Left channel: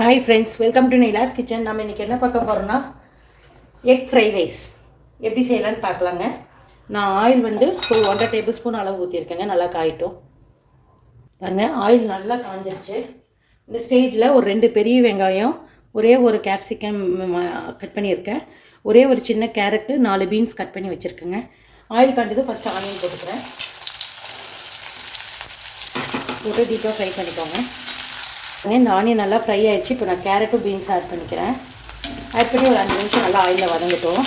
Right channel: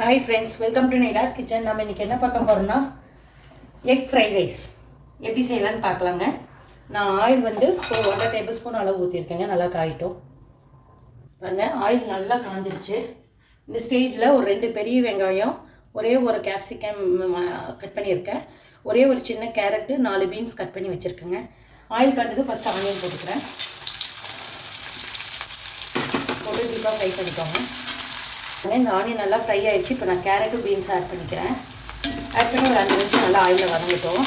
Hi friends welcome to Nyla's kitchen நம்ம இன்றைக்கி என்ன பார்க்க போகிறோம்னா எக் ஃப்ரைட் ரைஸ் எப்படி செய்யலான்னு பார்க்கலாங்க. நான் ஆயில் வந்து ஒரு ஒன்றரை டேபிள் ஸ்பூன் அளவு ஊற்றிருக்கேங்க நல்லா காயிட்டும். பாருங்கள் ஆயில் நல்லா காஞ்சிருச்சு. இந்த ஸ்டேஜில் ஒரு ரெண்டு பெரிய வெங்காயம் ஒரே ஒரு கேப்சிகம் கட் பண்ணியிருக்கேன். ஒரே ஒரு சின்ன கேரட்டு நாலு பீன்ஸ் கட் பண்ணி வச்சுருக்கேங்க. ஆயில் காஞ்சதும் ஃபஸ்ட்டு ஆனியன் போட்டுக்கிறேன். போட்டு டீப்பாக ஃப்ரை பண்ணிக்கோங்க. இந்த ஆனியன் நல்லா ஃப்ரை ஆயிடுச்சு. இப்போ நான் கேரட்டும் பீன்ஸ் ஆட் பண்ணிக்கிறேன். ஆட் பண்ணி ஒரு அஞ்சு நிமிஷம் நல்லா ஆயிலில் வதங்கட்டும்.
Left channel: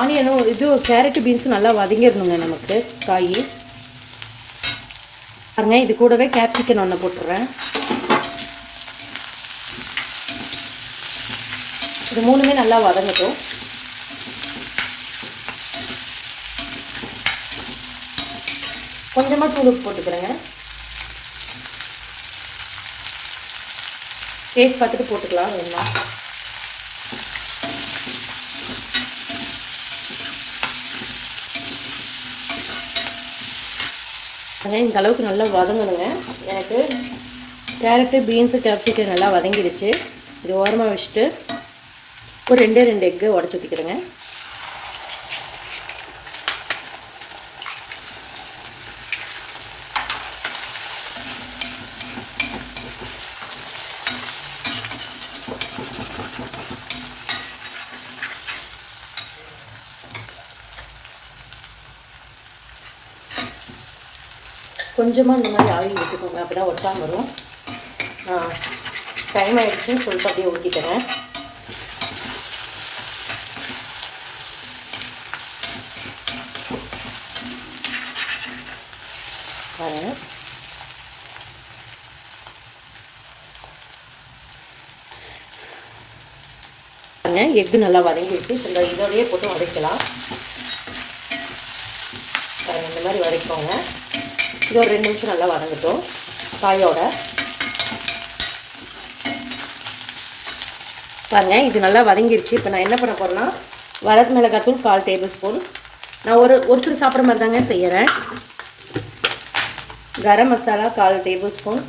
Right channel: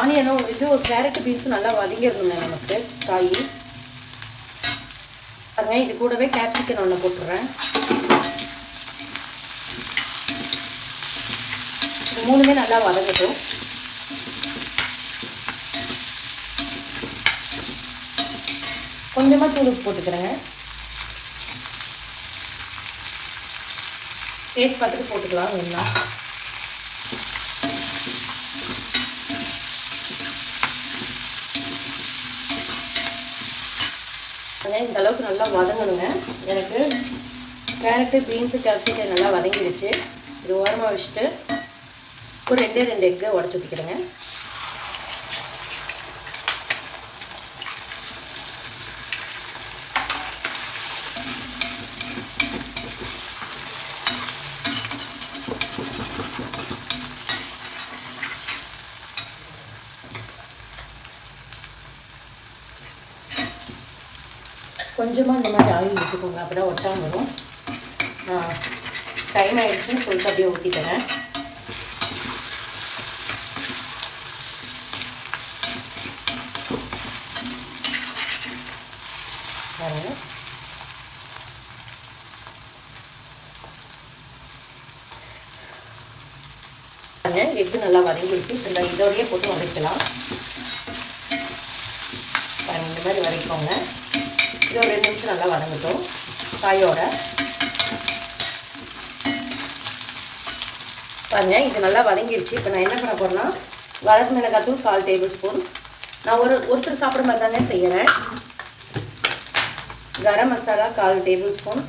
ஆனியனும் இது கேரட்டு பீன்ஸும் நல்லா வதங்கிடணுங்க நமக்கு காய். பாருங்க இது கூடவே கேப்சிக்கன் ஒன்று போட்டுடுறேன் இது மூணுமே நல்லா வதங்கட்டும். கொஞ்சமாக தூள் உப்பு போட்டுக்கிறேங்க. டேஸ்ட் பார்த்துட்டு போட்டுக்கலாம் வேணும்னா. வெங்காயம் இந்த அளவுக்கு நல்லா வதங்கணுங்க. எனக்கு கேரட்டு பீன்ஸு கேப்சிகம் நல்லா வதங்கிடுச்சு. இது ஓரமாக வச்சுட்டு ஒரு ரெண்டே ரெண்டு எக்கு உடச்சி ஊற்றிக்கிறேங்க கொஞ்சமாக இந்த மாதிரி ஆயில் விட்டுக்கோங்க அப்போ தான் ஒட்டாமல் வரும் டைம் ஆகிடுச்சுன்னு சொல்லிட்டு அப்படியே ஊற்றிட்டேன் பாருங்க. எக்கு நல்லா வதங்கிடுச்சு. இந்த இதோடையே போட்டு வதக்கலாம். இந்த மாதிரி வதக்கிக்கோங்க. இது ஒரு ரெண்டு நிமிஷம் நல்லா வதங்கட்டும். காயோட. பாருங்க இது நல்லா வதங்கிருச்சு. இப்போ நான் என்ன பண்ண போகிறேன்னா வரகு மிளகாத்தூள் கால் டேபிள் ஸ்பூன். நான் ஒரு ஒருத்தர் சாப்பிட்ற மாதிரி தாங்க செய்கிறேன் கரம் மசாலா கால் டேபிள் ஸ்பூன்.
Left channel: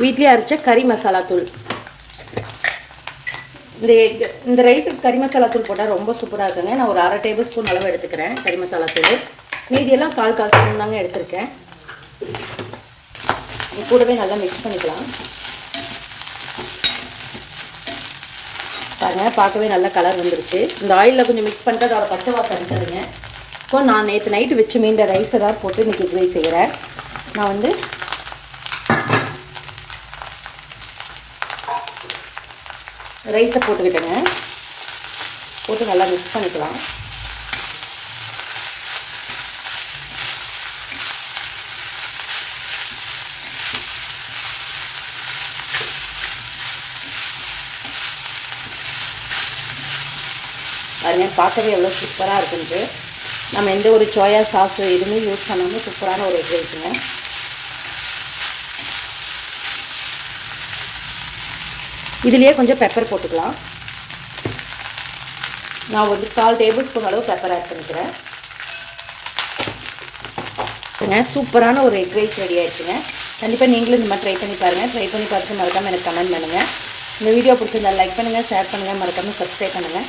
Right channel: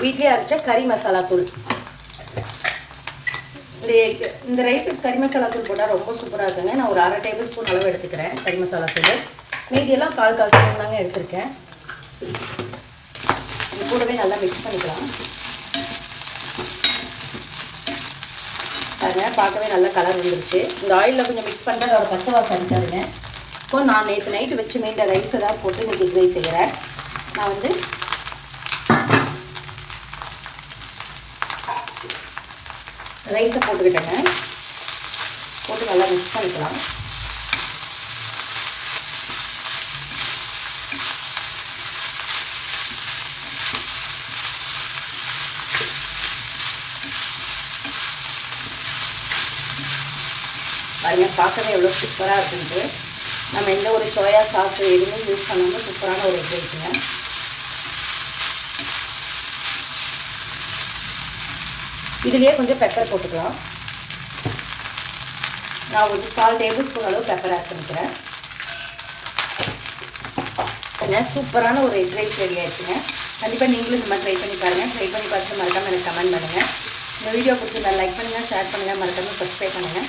வீட்லேயே அரைச்ச கறி மசாலா தூள். இந்த இந்த ரைஸுக்கு கறி மசாலா தூள் போட்டால் ரொம்ப சூப்பராக இருக்குங்க. நான் ஒரு அரை டேபிள் ஸ்பூன் அளவு எடுத்துக்கிறேன் கறி மசாலா தூள். மீதியெல்லாம் கால் கால் ஸ்பூன் தாங்க எடுத்திருக்கேன். கூடவே நல்லா மிக்ஸ் பண்ணிக்கலாம். பாருங்க பார்க்கவே நல்ல கலர் வந்துருச்சு. இந்த ஆயிலில் கொஞ்சம் மிக்ஸ் பண்ணுறது அதோட பச்சை வாசம் அடிக்காதுங்க. இப்போ நான் நேற்று நைட்டு வச்சு மீந்த ரைஸை தான் போட்டு இன்றைக்கி கிரே செய்கிறேன் நான் வந்து ரைஸை போட்டுக்கிட்டேங்க. போட்டு நல்லா மிக்ஸ் பண்ணிக்கலாம். பாருங்கள் பார்க்கவே எவ்வளோ சூப்பராக இருக்குன்ட்டு நம்ம எந்த ஒரு சோயா சாஸ் எதுவுமே யூஸ் பண்ணாமல் சூப்பரான ஒரு எக் ரைஸுங்க இதுலேயே கொஞ்சம் பெப்பர் போட்டுக்கலாம். நான் ஒரு கால் டேபிள் ஸ்பூன் அளவு பெப்பர் ஆட் பண்ணிக்கிறேன். சூப்பரான ஒரு எக் ரைஸ் ரெடி ஆயிடுச்சுங்க. கண்டிப்பாக நீங்களும் இந்த மாதிரி ட்ரை பண்ணி பாருங்கள் ட்ரை பண்ணி பார்த்து மறக்காமல் எனக்கு கமெண்ட் பண்ணுங்கள் இந்த வீடியோ பிடிச்சிருந்தா லைக் பண்ணுங்கள் ஷேர் பண்ணுங்கள் மறக்காமல் சப்ஸ்கிரைப் பண்ணுங்கள்